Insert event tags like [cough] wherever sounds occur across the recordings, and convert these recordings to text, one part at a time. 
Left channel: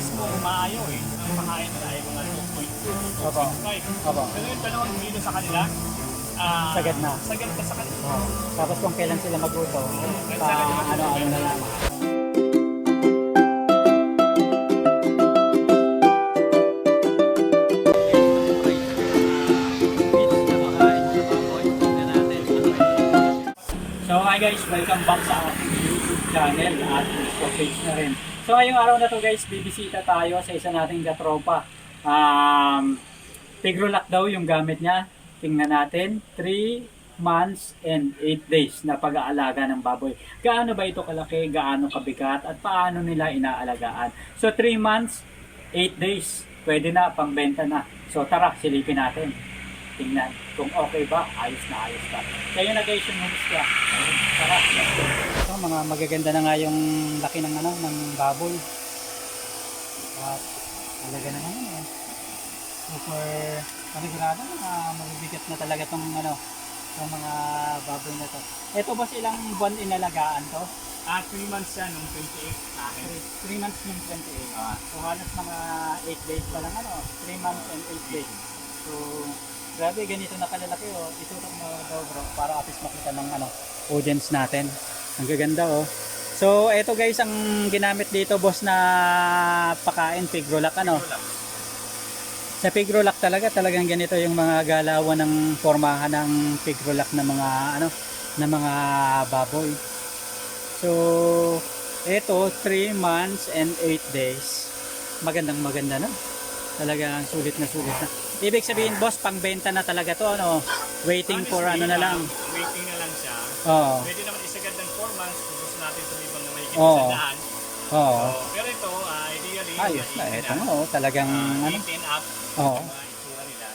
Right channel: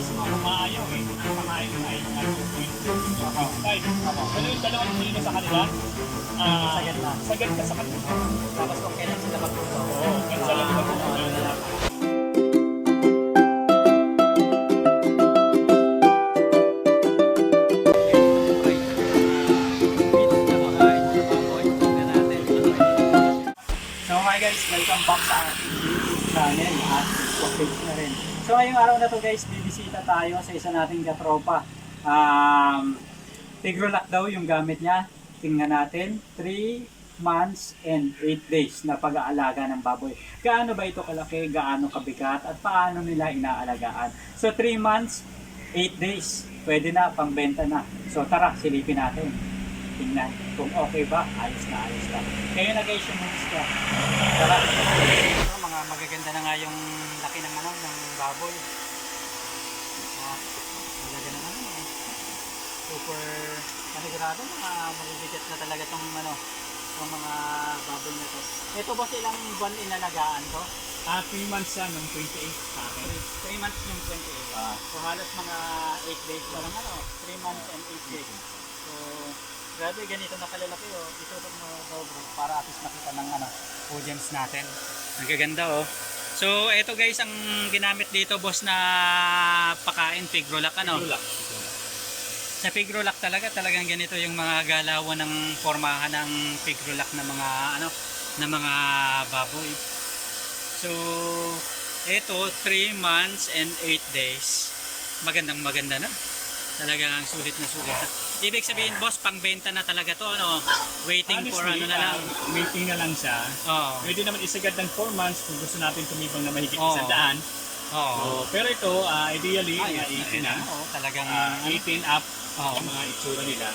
mismo umaayaw eh. Ang pakain nila ay mga 2.2, 2.5. Opo. Pero yung dalawang kilo sa kanila, ah, Sagad na. Sagad na sa kanila. Tapos kung kailan sila magluto. Oo, kaya sila ba ano, ano na hi guys, welcome back sa YouTube channel at Facebook page na rin. So ngayong araw na to guys, bibisita tayo sa isa nating katropa. Um, Pigrolac daw yung gamit niya. Tingnan natin, 3 months and 8 days na pag-aalaga ng baboy. Gaano ba ito kalaki, gaano kabigat, at paano nila inaalagaan. So 3 months, 8 days, pwede na, pangbenta na. So tara, silipin natin. Tingnan kung okay ba, ayos na ayos ba. Kayo na guys yung ka. Tara. Ito, mga magaganda na nga yung laki ng ano ng baboy. At magaganda na nga. ano. Super panigurado mga mabibigat na talaga tong ano tong mga baboy na to. Ito boss ilang buwan inalagaan to? Ah, 3 months siya nung 28 sa akin. 3 months yung 28. Ah. So halos mga 8 days pa lang ano, 3 months and 8 days. So grabe ganito na kalalaki oh. Itutok mo daw bro para at least makita ng ano, audience natin. Ang gaganda oh. So ito guys ang ginamit dito boss na pakain pigrolac ano. Lang. Sa pigrolac talaga talagang ganito yung mga galawan ng formahan ng pigrolac na mga ano na mga baboy. So ito 3 months and 8 days. Magandang maganda na. Talagang sulit na sulit na. Ibig sabihin boss, pangbenta na talaga to ano. Waiting for ano Honestly, na lang. ah, waiting na lang siya. Oo. Pwede naman isagad ng 4 months kung gusto natin tumibang na mahigit Oo. sa daan. Oo. So, pero ito, ah, ideally, Ayos mga na 18 ito na. mo. Talagang Ah, ano. 18 up Oo. yung mga itsura nila.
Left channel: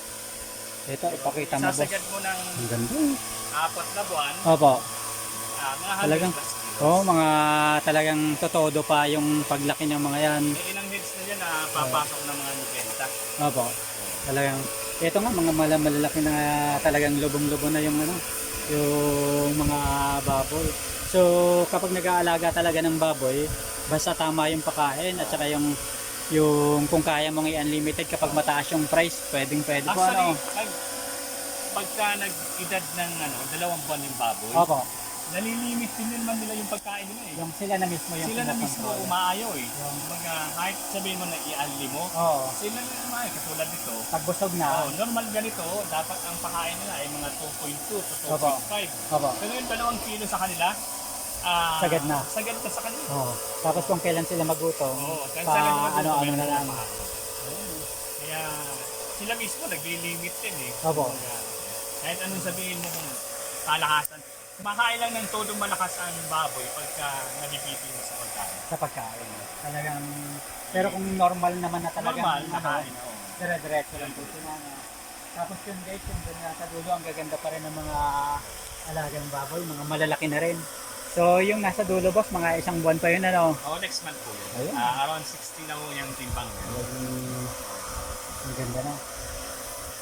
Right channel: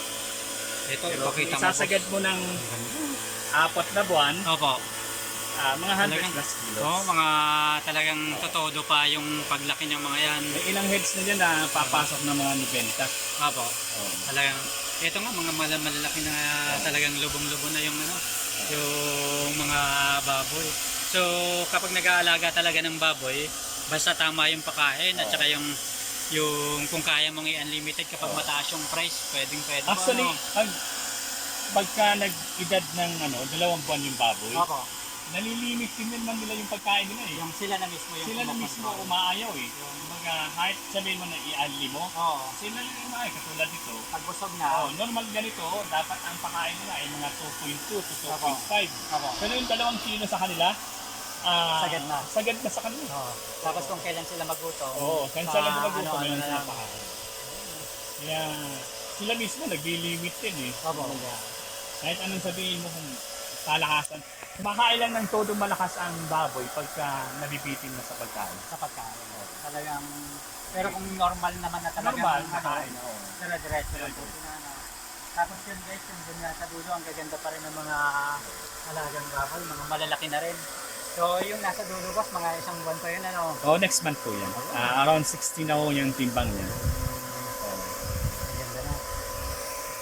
Ito Pero ipakita mo boss. isasagad mo ng Ang ganda. apat na buwan, Opo. Ah, mga 100 Talagang- plus kilos. Oh, mga talagang totodo pa yung paglaki ng mga yan. May ilang heads na dyan na papasok ng mga 90. Opo. Talagang ito nga mga mala- malalaki na talagang lubong-lubong na yung ano, yung mga baboy. So, kapag nag-aalaga talaga ng baboy, basta tama yung pagkain at saka yung yung kung kaya mong i-unlimited kapag mataas yung price, pwedeng pwede po Actually, ano. pag, pagka nag-edad ng ano, dalawang buwan yung baboy, Opo. Nalilimit din naman nila yung pagkain nila eh. Yung sila na mismo yung Sila na mismo pinakontrol. umaayaw eh. Kumbaga, kahit sabihin mo na i-unli mo, Oo. sila na umaayaw. Katulad dito, Pag busog na. oh, normal ganito, dapat ang pakain nila ay mga 2.2 to 2.5. Opo. Pero yung dalawang kilo sa kanila, ah, Sagad na. Sagad na sa kanila. Oo. Tapos kung kailan sila magluto. Oo, kahit sa sila nila gusto, ano-ano meron na lang. Kaya sila mismo nagli-limit din eh. Opo. Kumbaga, kahit anong sabihin mo kung palakasan. Kumakain lang ng todo malakas ang baboy pagka nabibitin mo sa pagkain. sa pagkain. Talagang, pero kung normal naman na talaga, Normal, ano, nakain. oo. dire-diretso lang po sinana. Tapos yun guys, yung dunya sa dulo, ang gaganda pa rin ng mga alagang baboy, mga malalaki na rin. So yung nasa dulo boss, mga isang buwan pa yun ano. Oh, next month po yan. Ayun. Ah, around 16 na ho yung timbang niya. Ang ganda na.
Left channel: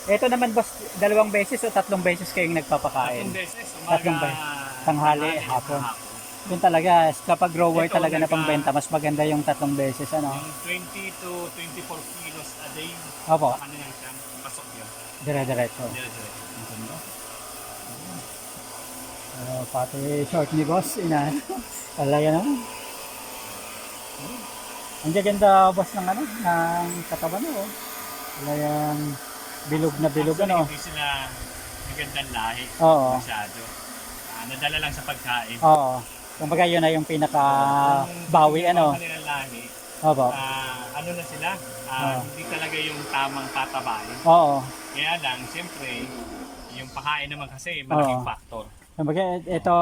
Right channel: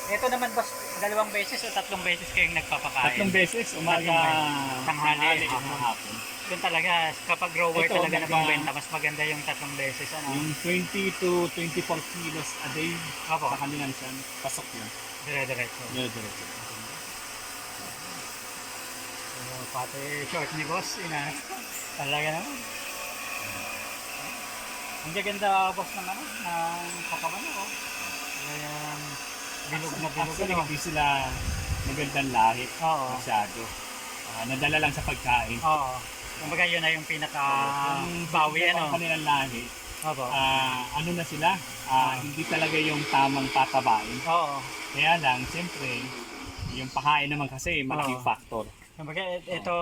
Ito naman boss, dalawang beses o tatlong beses kayong nagpapakain. Tatlong beses, umaga, Tatlong beses. Tanghali, hapon. Yun talaga, kapag grower Ito, talaga na pangbenta, mas maganda yung tatlong beses ano. Yung 20 to 24 kilos a day, Opo, sa kanilang siyang pasok yun. dire-diretso. Dire-diretso. Ang ganda. Uh, pati short ni boss, ina. [laughs] Talaga naman. Ang gaganda boss ng ano, ng katawan mo. Talagang bilog na bilog Actually, ano. hindi sila magandang lahi. Oo. Masyado. Ah, nadala lang sa pagkain. Oo. Kumbaga yun na yung pinaka Yung bawi yung ano. kanilang lahi, Opo. ah, ano na sila, ah, Oo. hindi talaga yung tamang tatabain. Oo. Kaya lang, siyempre, yung pakain naman kasi malaking Oo. factor. Kumbaga ito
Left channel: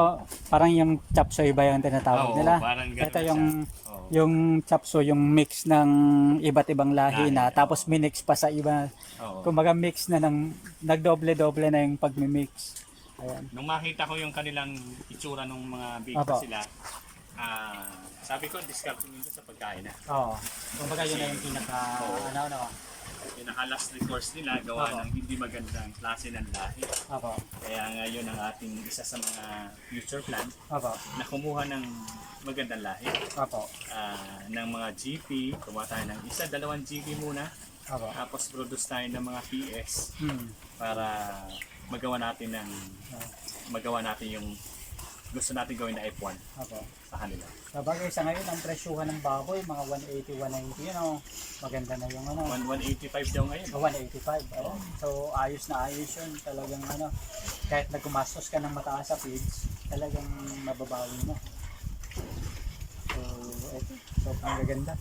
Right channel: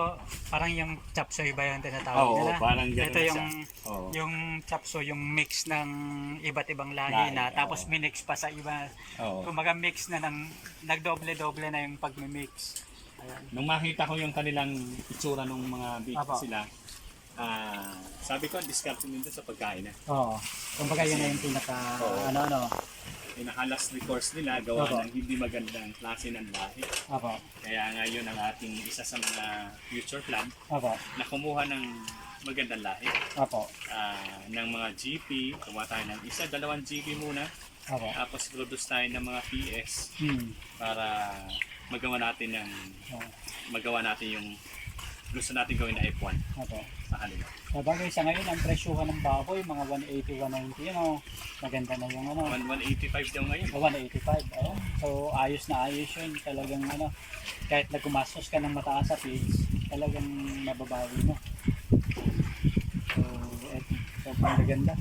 parang yung chop suey ba yung tinatawag Oo, nila? parang ganun Ito na yung siya. Oo. yung chop suey, yung mix ng iba't ibang lahi Lahi, na tapos oo. minix pa sa iba. Oo. Kumbaga mix na ng nagdoble-doble na yung pagmi-mix. Ayan. Nung makita ko yung kanilang itsura ng mga Apo. sila, ah, sabi ko, discount ko nito sa pagkain na. Oo. Kumbaga yun na yung pinaka ano ano. Pinaka-last recourse nila, gawa Apo. ng hindi magandang klase ng lahi. Opo. Kaya nga yun ang ating isa sa mga future plan Opo. na kumuha ng magandang lahi. Opo. Ah, ng mga GP, gumawa tayo ng isa, dalawang GP muna. Opo. Tapos produce tayo ng mga PS Hmm. para magawa natin ng magawa natin yung gusto natin gawin na F1 Opo. sa kanila. Sabagay sa ngayon, ang presyuhan ng baboy, mga 180, 190, you know, maganda na yung ano. 1 185 daw ngayon. Oh, 185, oh. So, ayos na ayos yun. Talagang ano, kahit nagkumastos ka ng mataas sa feeds, talagang mababawi mo. So, eto, sobrang maganda.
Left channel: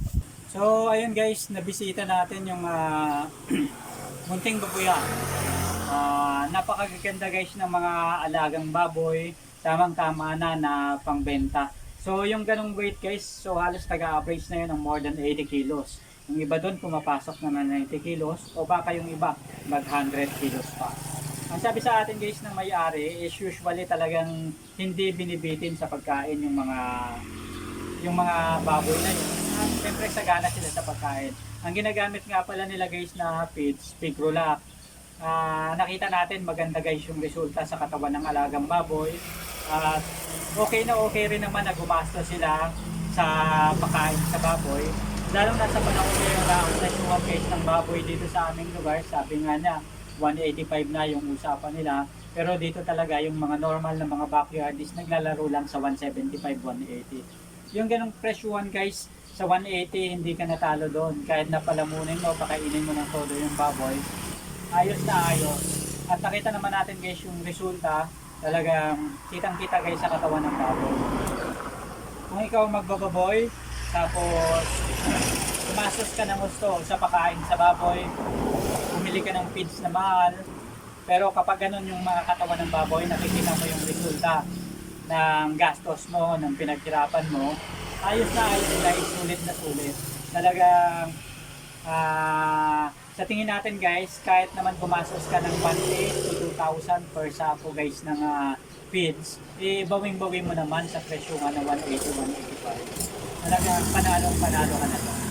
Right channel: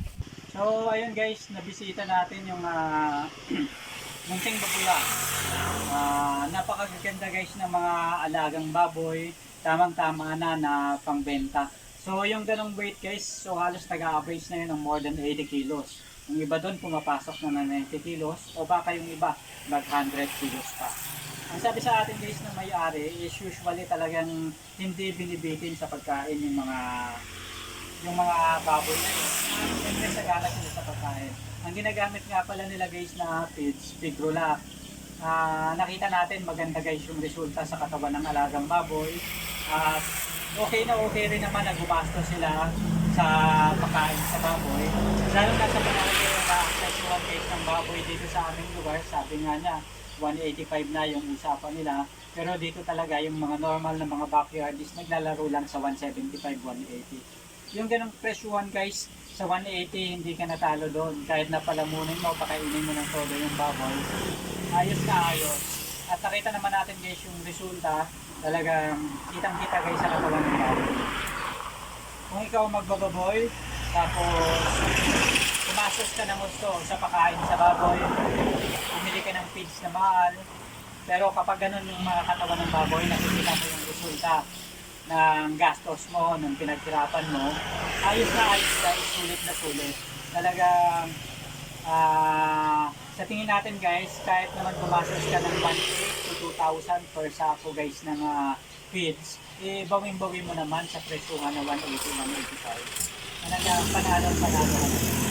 So, ayun guys, nabisita natin yung ah, [clears throat] munting babuyan. Ah, napakaganda guys ng mga alagang baboy. Tamang-tama na na pangbenta. So, yung ganong weight guys, so halos taga-average na yun ng more than 80 kilos. Yung iba doon pumapasok na ng 90 kilos o baka yung iba mag 100 kilos pa. Ang sabi sa atin guys ng may-ari is usually talagang hindi binibitin sa pagkain yung mga yung mga baboy na yun. Uh, Siyempre sagana sila sa pagkain. Ang ginagamit nga pala nila guys na feeds, Pigrolac. Ah, nakita natin maganda guys yung resulta sa katawan ng alagang baboy. At okay na okay rin naman na sila sa pagkain sa baboy. Lalo na sa panahon ngayon na ang presyuhan guys ng baboy dito sa aming lugar, sabi nga niya, 185 na yung usapan nila. Pero dito talaga yung mga normal na mga backyard is naglalaro lang sa 175, 180. Yung ganong presyuhan guys, sa 180 hindi ka natalo doon. Kahit napalamunin mo, pakainin mo ng todo yung baboy, ayos na ayos. At nakita naman natin guys yung resulta, talagang kitang kita guys sa katawan ng baboy. Kung ikaw magbababoy, tapos pumasok ka ng gusto sa pakain sa baboy, bumili ka ng feeds na mahal, pero kapag ganun yung mga katawan ng baboy, nakikita mo yung resulta ng gastos mo, ng pinaghirapan mo, ayos na ayos guys, sulit na sulit. Talagang ah sa tingin natin guys, kahit naman gumastos ka ng 1,800 to 2,000 per sako guys ng ah, feeds, eh bawing-bawi mo naman sa presyuhan na 180, 185. Talagang panalo, panalo ka na.